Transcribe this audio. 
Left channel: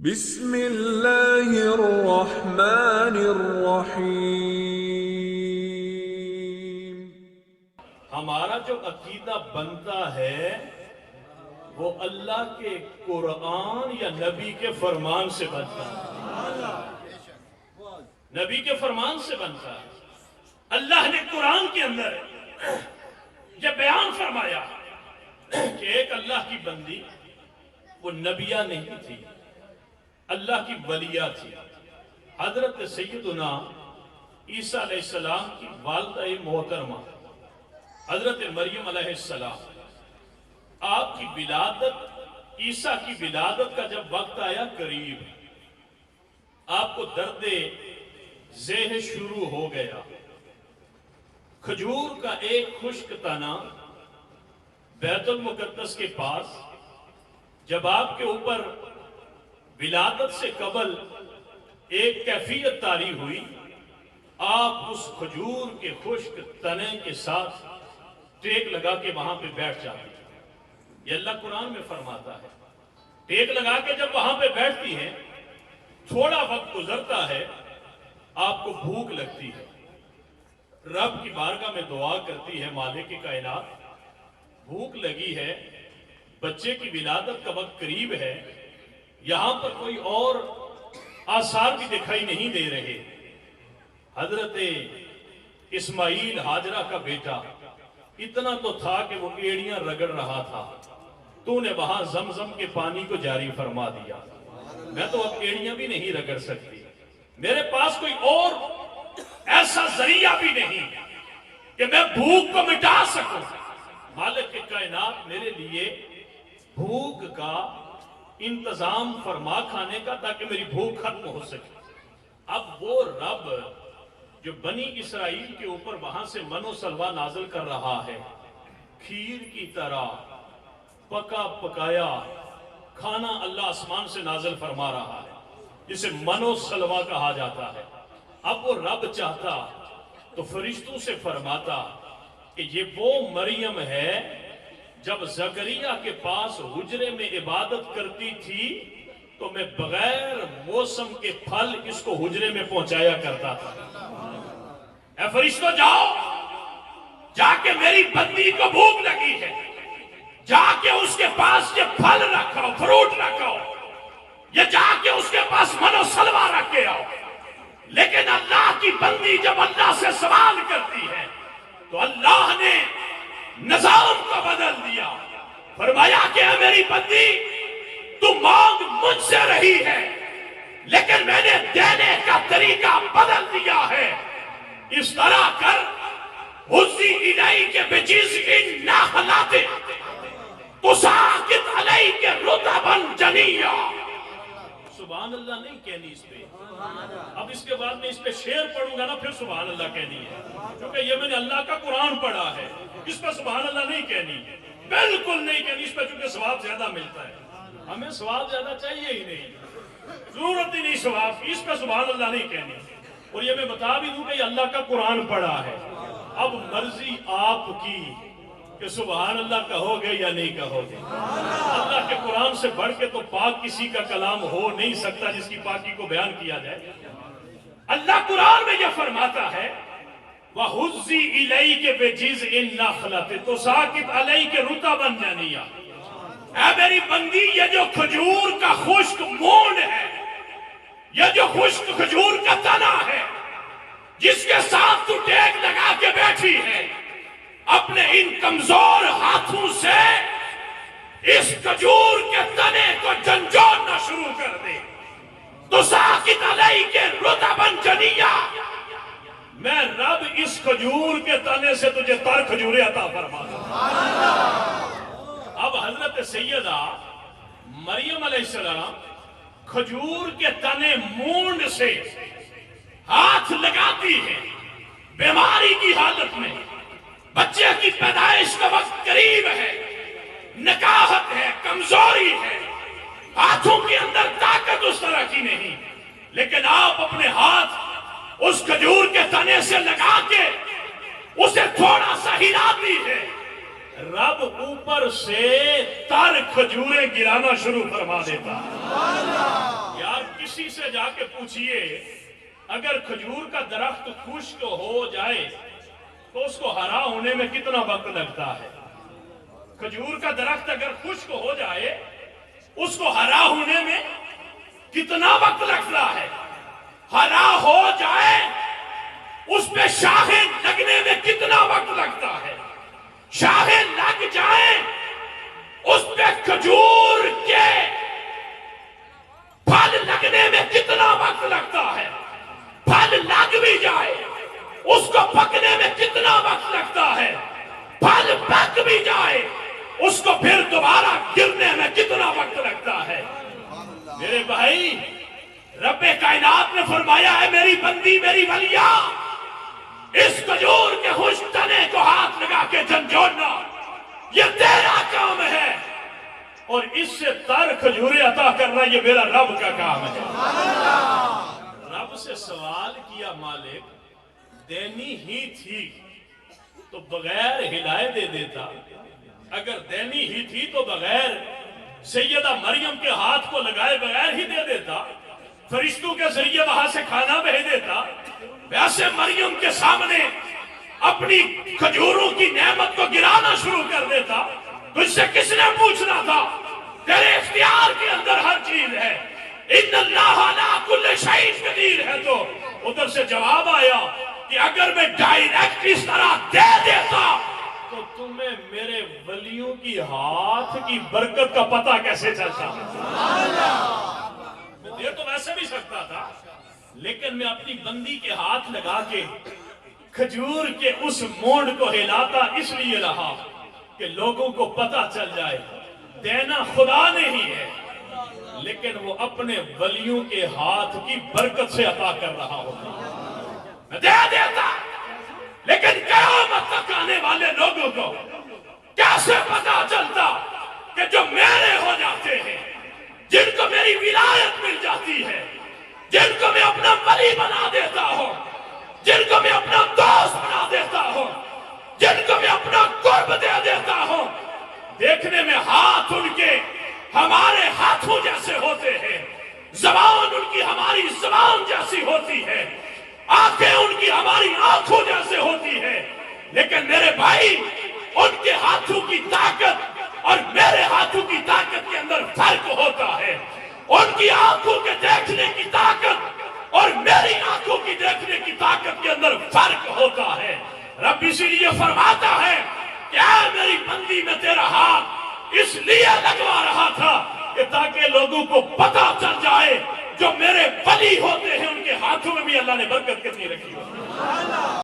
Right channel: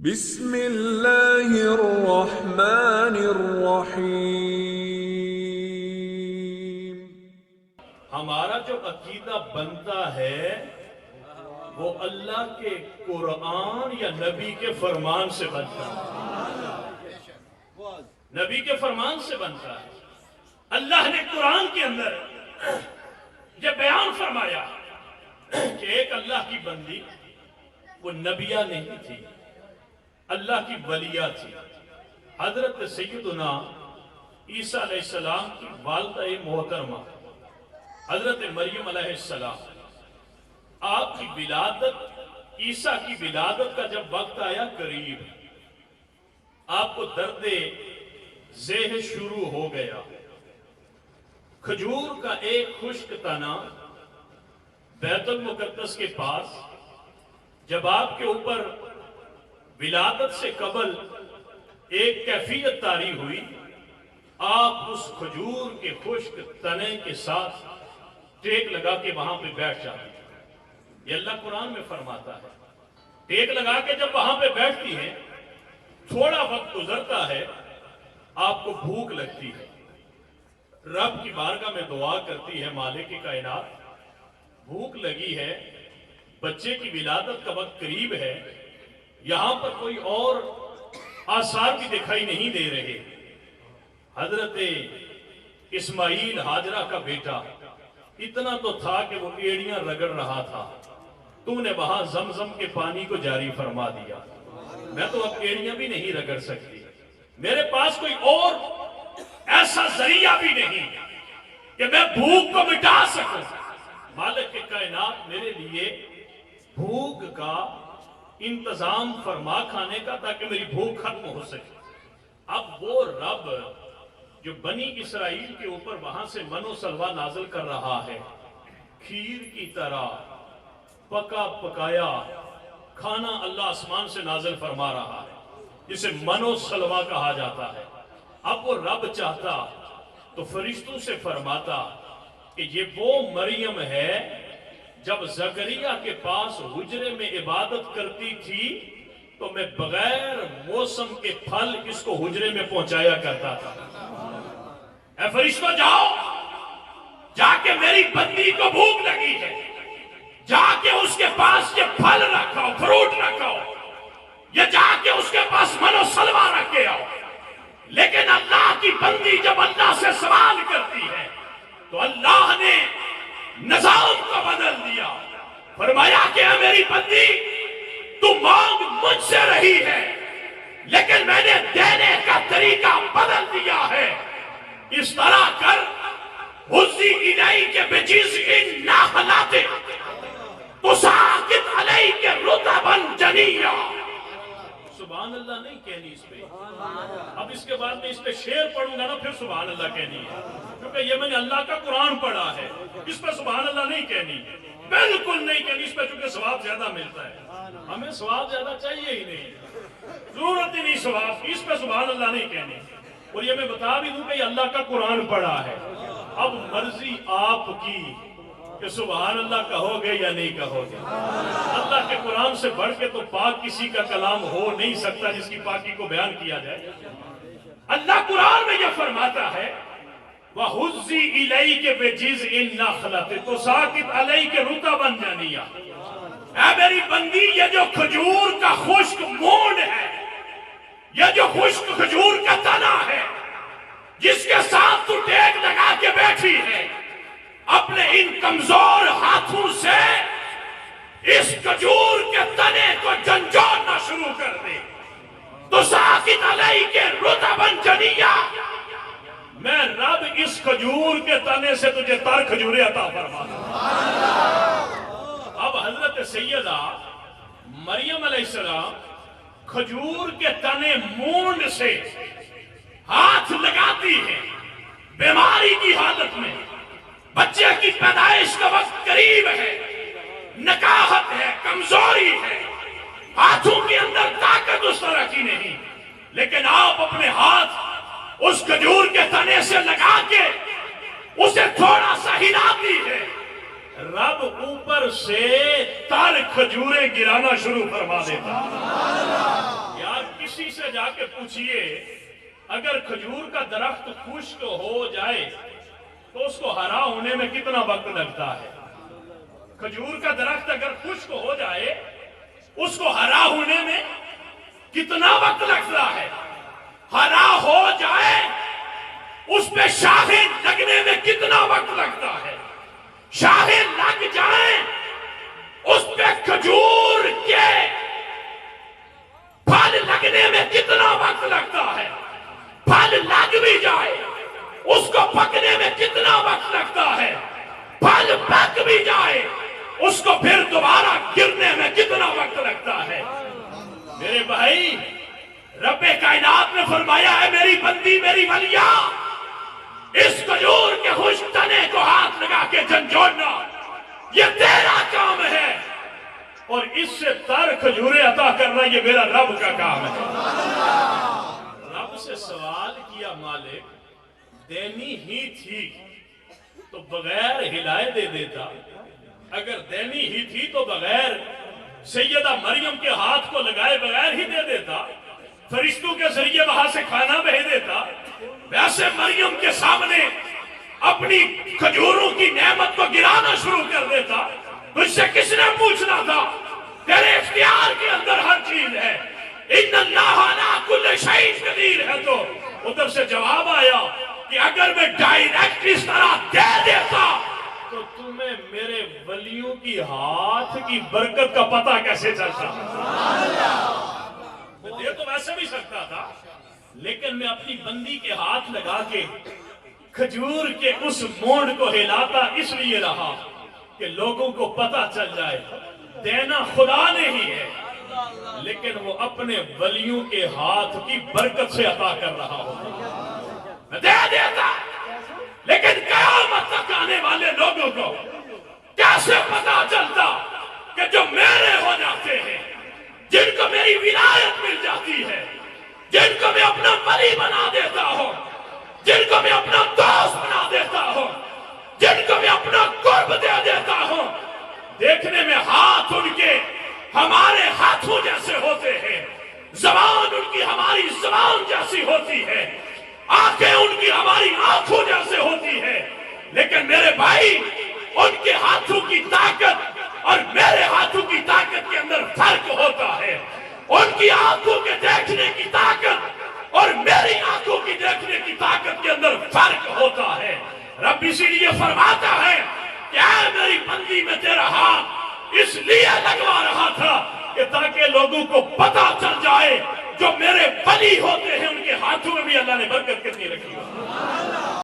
بسم اللہ الرحمن الرحیم۔ ہمارا جو عقیدہ بنتا ہے وہ اللہ کے قرآن یا نبی کے فرمان سے بنتا ہے۔ نبی کے فرمان سے بنتا ہے۔ اللہ نے قرآن کے اندر یہ بیان فرمایا کہ ایک اللہ کی بندی وہ نبیہ نہیں تھی، اللہ کی ولیہ تھی۔ حضرت سیدنا عیسیٰ علیہ السلام کی والدہ محترمہ حضرت مریم علیہ السلام، آپ کی ولادت، عیسیٰ کی ولادت کا جب وقت آیا قریب، آپ کو درد ذیح شروع ہو گیا۔ کھجور کا ایک خشک تنا بیت المقدس کے پاس جب آپ کے اوپر ولادت سے قبل ایک کیفیت طاری ہوئی، آپ اس کھجور کے خشک تنے کے ساتھ ٹیک لگا کے وہاں پہ بیٹھ جاتی ہیں۔ یہ اللہ قرآن میں فرماتا ہے۔ ٹیک لگا کے جب وہاں پہ بیٹھتی ہیں، تھوڑا وقت گزرتا ہے، آپ کو بھوک لگتی ہے، رب کی بارگاہ میں دعا کرتی ہے، مالک کائنات بھوک لگی ہے، بچے کی ولادت کا وقت قریب ہے، یہاں پر کوئی اور آثار بھی دکھائی نہیں دے رہے۔ حضرت اسماعیل ہاجرہ کا بیٹا اتنا تو تھا کہ وہ ایڑیاں رگڑ رہا تھا، تو نے وہاں زمزم کے پانی کو جاری فرما دیا۔ میں تو اب ایڑیاں بھی نہیں رگڑ سکتی، میرے پاس کوئی اور ایسا ذریعہ بھی نہیں کہ میں بھوک کو مٹا سکوں۔ مالک کائنات میرے لیے بھوک کا انتظام فرما کھانے کا، تاکہ میری بھوک ختم ہو سکے۔ اب وہ رب جو بنی اسرائیل کے اوپر وہاں سے من و سلوہ نازل کر رہا ہے، کھیر کی طرح پکا پکایا کھانا اللہ آسمان سے نازل فرما رہا ہے، جسے من و سلوہ کہا جاتا ہے۔ اب وہ رب چاہتا تو فرشتوں سے فرماتا کہ یہ وہ مریم ہے جب زکریا کے پاس حجرے میں عبادت کرتی تھی تو میں بغیر موسم کے پھل اس کو حجرے میں پہنچایا کرتا تھا۔ اے فرشتوں جاؤ، جا کے میری بندی کو بھوک لگی ہے، جا کے اس کے پاس یہ پھل رکھاؤ، فروٹ رکھاؤ، یہ جا کے اس کے پاس من و سلوہ رکھ کے آؤ۔ لیکن اللہ کی بندی جب اللہ سے سوال کرتی ہے تو اللہ نے نظام کو بدل دیا، فرمایا کہ اے میری بندی تو مانگ مجھ سے رہی ہے، لیکن میں نے دینے کا طریقہ بدل دیا ہے۔ اس طرح کر حزی الیک بجذع النخلۃ تساقط علیک رطبا جنیا۔ سبحان اللہ نہیں کہنی اس پہ، اب اس کے بعد میں اس پہ شعر پڑھوں گا نا، پھر سبحان اللہ کہنی ہے، کیونکہ یہ میں نے اللہ کا قرآن پڑھا ہے، اس پہ سبحان اللہ نہیں کہنی، بالکل نہیں کہنی اس پہ، چونکہ ثواب زیادہ ملتا ہے۔ ہمیں ثواب زیادہ چاہیے ہی نہیں، ضرورت ہی نہیں ثواب کی، اس پہ سبحان اللہ نہیں کہنی۔ اور یہ میں بتا بھی دوں کہ یہ اللہ کا قرآن پڑھا ہے، اب مرضی آپ کی کہ سبحان اللہ کہو گے یا نہیں کہو گے۔ اللہ کے قرآن سے بڑھ کے تو پاک کسی کا کلام ہو نہیں سکتا جس کی پاکی کو بیان کیا جائے۔ اللہ قرآن میں یہ فرماتا ہے وَحُزِّ إِلَيْكَ بِجِذْعِ النَّخْلَةِ تُسَاقِطْ عَلَيْكَ رُطَبًا جَنِيًّا۔ اے میری بندی، یہ جو کھجور کا خشک مونڈ ہے، یہ جو خشک کھجور کا تنا ہے جس کے ساتھ تو ٹیک لگا کے بیٹھی ہے، اپنے ان کمزور ہاتھوں سے اس کھجور کے تنے کو جھنجھوڑنا شروع کر دے۔ تُسَاقِطْ عَلَيْكَ رُطَبًا جَنِيًّا، میں رب اس کھجور کے تنے سے تجھے تر کھجوریں عطا فرما دوں۔ اب حضرت سیدہ مریم علیہ السلام کھجور کے تنے مونڈ سے ہاتھ لگاتی ہے، بیماری کی حالت میں، بچے کی پیدائش کا وقت قریب ہے، نکاہت ہے، کمزوری ہے، ہاتھوں کے اندر طاقت اس طرح کی نہیں، لیکن آپ اپنے ہاتھ اس کھجور کے تنے سے لگا کے اسے تھوڑا سا ہلاتی ہے، رب اوپر سے تر کھجوریں گرانا شروع فرما دیتا۔ سے جا کے پوچھئے اگر کھجور کا درخت خشک ہو جائے تو اس کو ہرا ہونے میں کتنا وقت لگتا ہے؟ کھجور کا درخت اگر خشک ہو جائے اس کو ہرا ہونے میں کتنا وقت لگتا ہے؟ ہرا ہو جائے اس پہ شاخیں لگنے میں کتنا وقت لگتا ہے؟ شاخیں لگ جائیں اس پہ کھجور کے پھل لگنے میں کتنا وقت لگتا ہے؟ پھل لگ بھی جائے اس کو پکنے میں کتنا وقت لگتا ہے؟ پھل پک بھی جائے اس کو پھر دوبارہ گرنے میں کتنا وقت لگتا ہے؟ میرے بھائی، رب کائنات نے فرمایا ہے میری بندی میری ولیہ، اس کھجور کے خشک تنے کو ہاتھ لگا کے جھنجھوڑنا یہ تیرا کام ہے، اور اس سے تر کھجوریں عطا کرنا یہ میرا رب کا کام ہے۔ رب سے سوال کیا مالک دینی ہی تھی تو بغیر ہلائے دے دیتا، اگر دینی ہی تھی تو بغیر سیدہ مریم کے ہاتھ کو لگائے بغیر ہی دے دیتا، فرشتوں کے ذریعے وہاں سے کھانا بھیج دیتا، ویسے مریم کے سامنے اپنی کھجوروں کی نعمت کو گرانا شروع کر دیتا، تجھ سے کس نے پوچھنا تھا؟ تیرے اختیار کے اندر ہر چیز ہے، ان اللہ علی کل شیء قدیر ہے۔ تو ادھر سے جواب آیا کہ اگر میں ڈائریکٹ اس طرح دے دیتا تو تمہیں میرے ولیوں کی ہاتھ کی برکت کا پتہ کیسے چلتا؟ میں دے تو ویسے بھی سکتا تھا، لیکن میں اپنی بندی کے ہاتھ لگا کے کھجور کے اس مونڈ کو ہلاتا اس لیے رہا کہ لوگوں کو پتہ چل جائے دینا خدا نے ہی ہے، لیکن وہ اپنے ولیوں کے ہاتھ کی برکت سے عطا کر رہا ہوتا۔ میں دے دیتا، لیکن قیامت تک آنے والے لوگوں کو کیسے پتا چلتا کہ جو میرے ہو جاتے ہیں، جن کو میری ولایت مل جاتی ہے، جن کو میں اپنا ولی بنا دیتا ہوں، جن کو میں اپنا دوست بنا دیتا ہوں، جن کو میں اپنا قرب دے دیتا ہوں، دیکھنے میں ہاتھ ان کے ہمارے ہاتھوں جیسے ہوتے ہیں، زبان ان کی ہماری زبان جیسی ہوتی ہے، آنکھیں ان کی ہماری آنکھوں جیسے ہوتی ہے، لیکن میرے بھائی ان کے ہاتھوں کی طاقت اور میرے ہاتھوں کی طاقت کے اندر فرق ہوتا ہے۔ ان کی آنکھوں کے دیکھنے کی طاقت اور میری آنکھوں کی دیکھنے کی طاقت کے اندر فرق ہوتا ہے۔ رب اسی لیے فرماتا ہے کہ اے میری بندی میں تیرا ہاتھ اس لیے لگوا رہا تھا کہ تاکہ لوگوں کو پتہ چل جائے جو میرے ولی ہوتے ہیں ان کے ہاتھوں میں بھی اللہ نے برکت کتنی رکھی ہے۔